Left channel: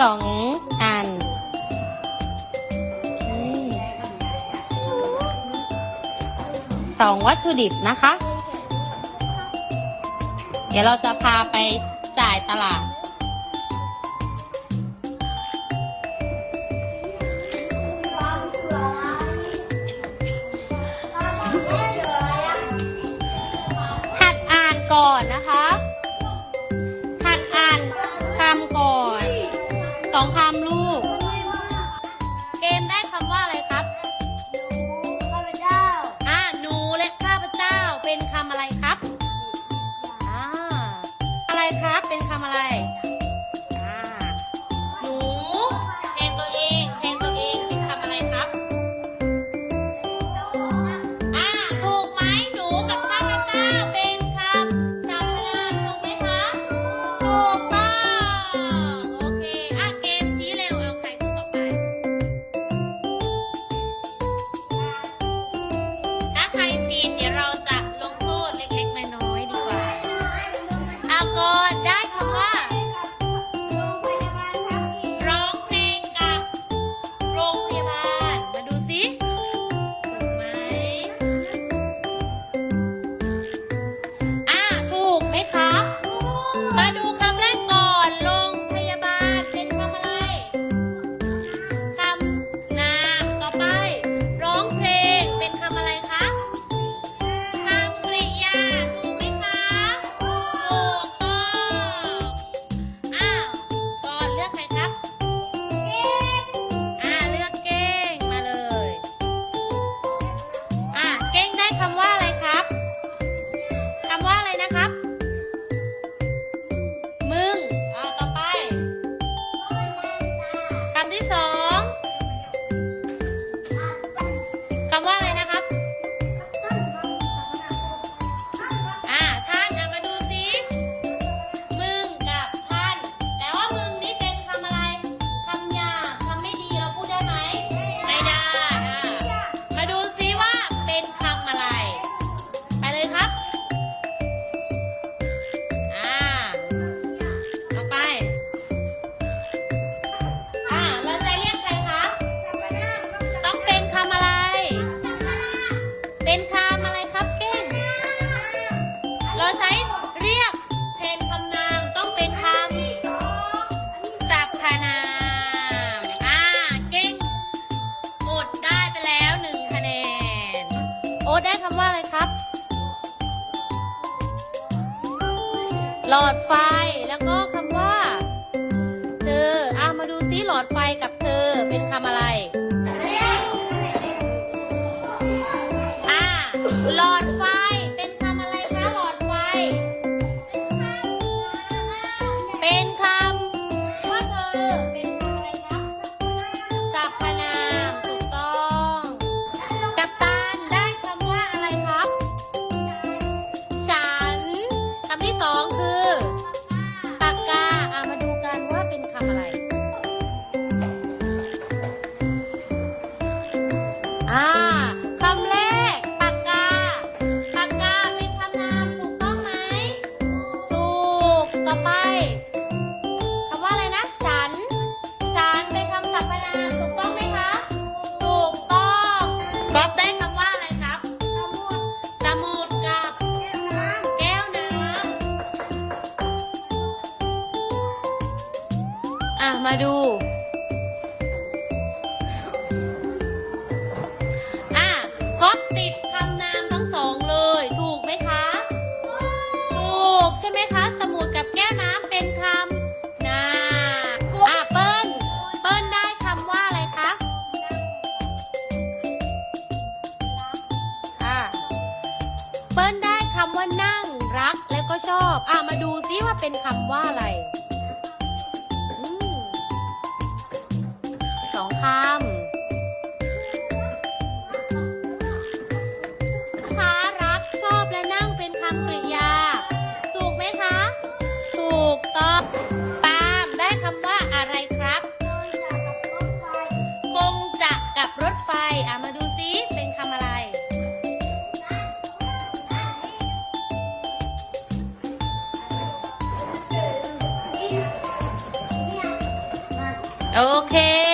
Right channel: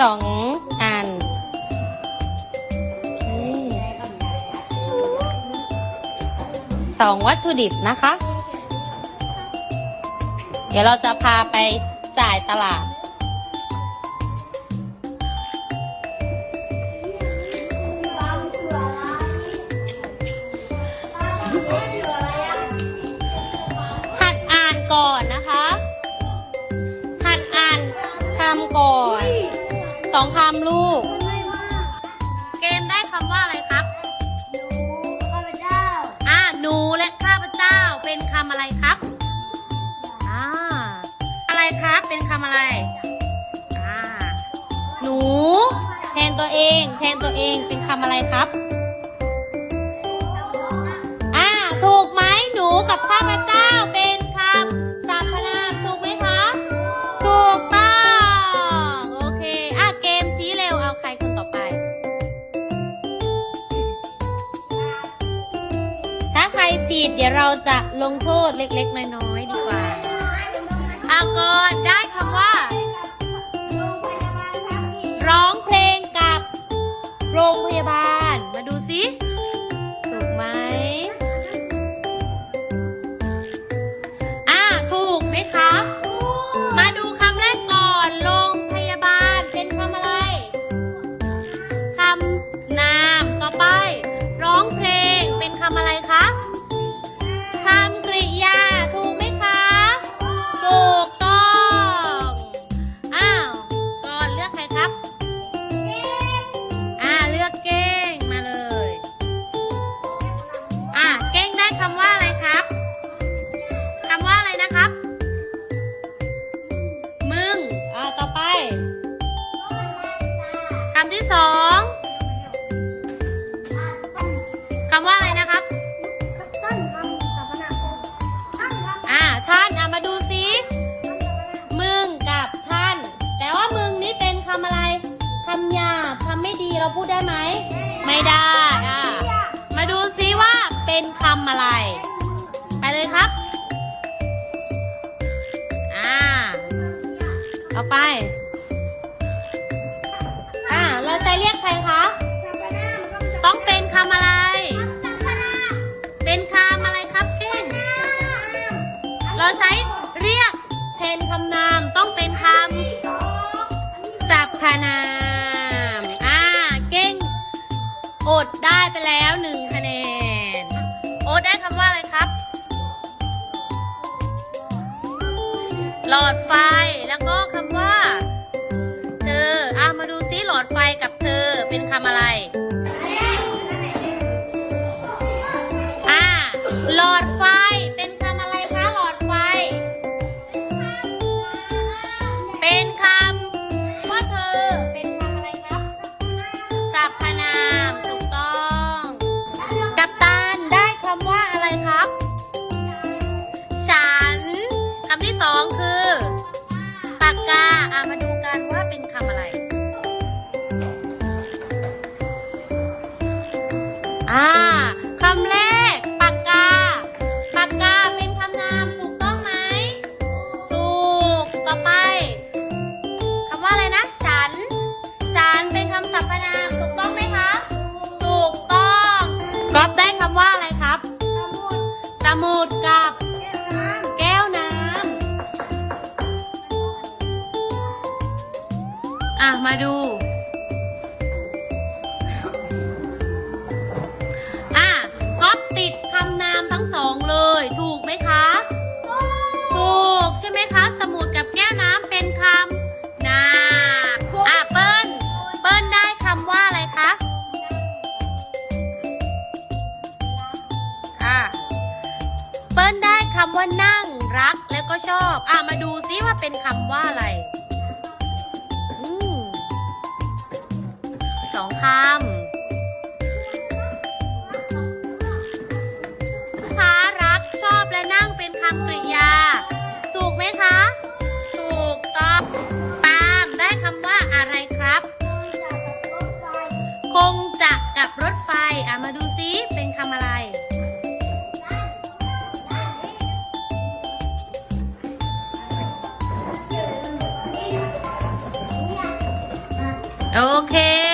สองอันสองวัตถุดิบนะคะ เดี๋ยวเราจะพาไปจ่ายตลาด หัดอ่านก่อนนะคะ หัดอ่านทำก่อน ต่อไป อดไฟกับเธอเป็นคำอะไร อ่าคำแรกปากกา ปากกาเป็นคำนามถูกต้องไหม ถูก ต่อไปคำว่าอะไรนะ ฉัน ฉันเป็นคำสรรพนามถูกต้องไหมคะ ถูกต้องก๊อฟได้คำว่าอะไรครับสมุดสมุแก้วน้ำแก้วน้ำอะ มาดู ว่านั่งรักแล้วก็ชอบ อ่ามาดูซิว่าเป็นคำว่าอะไร โอเค